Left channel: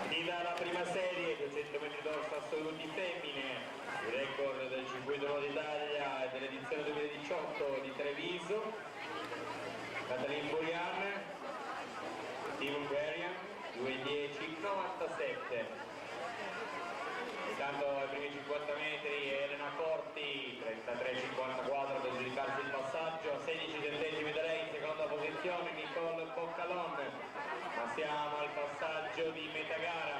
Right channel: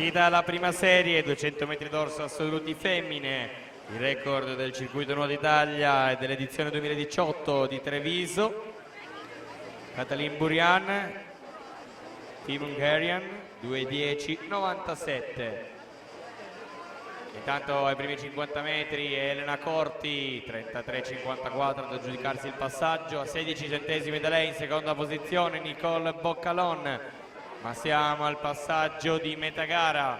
Partita alla prima serie, 200 metri dorso assoluti femmine, il record del circuito Nuoto Italia e dell'edizione 2018 di Treviso. Katalin Burian, Team Hungarian, 2:10:97. Intanto ai primi 50 metri Elena Corti, 33:54 ad aggiudicarsi il passaggio, a 16 centesimi da lei in seconda posizione Nicole Boccalon, ma siamo al passaggio di metà gara.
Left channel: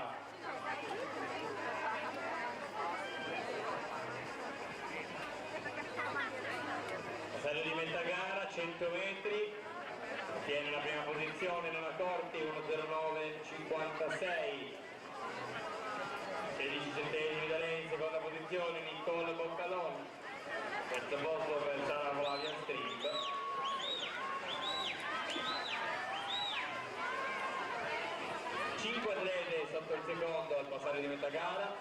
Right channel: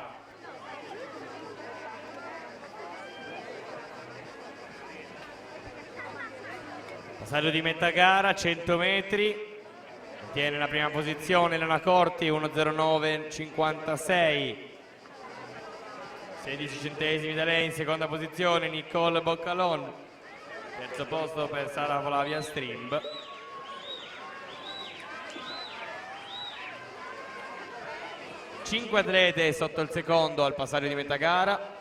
Passaggio di metà gara, 100 metri, tiene la prima posizione Elena Corti, 1:09:56. 16 centesimi da lei in seconda posizione Nicole Boccalon, terzo posto per Sara Flavia Strimb. Cinque atlete sotto il secondo al passaggio di metà gara.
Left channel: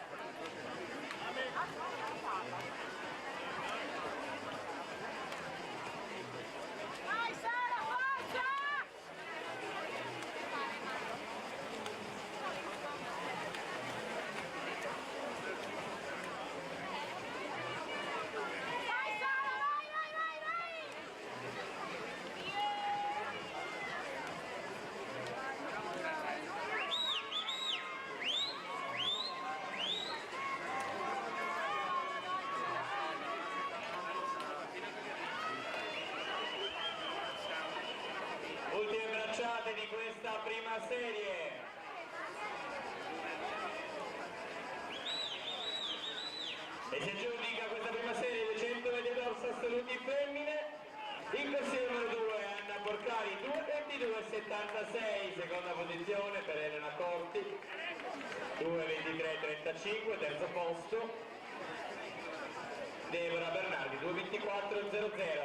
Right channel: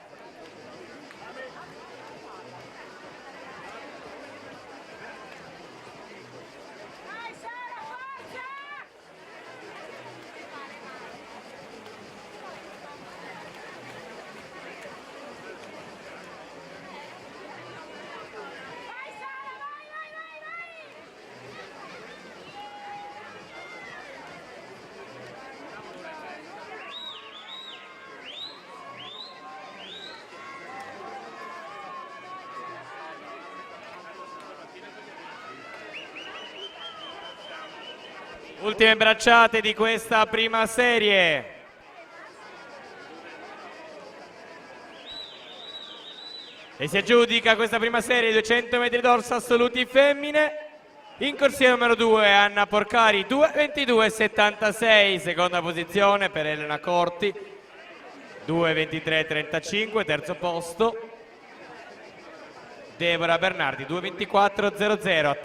Ultime bracciate di questa prima serie. E si aggiudica questa prima serie 200 metri dorso assoluti femmine. In corsia numero 2 Anna Porcari, 2:22:76, seconda posizione per Elena Corti, 2:23:35, terzo posto. Deborah Bernardi, 2:24:00.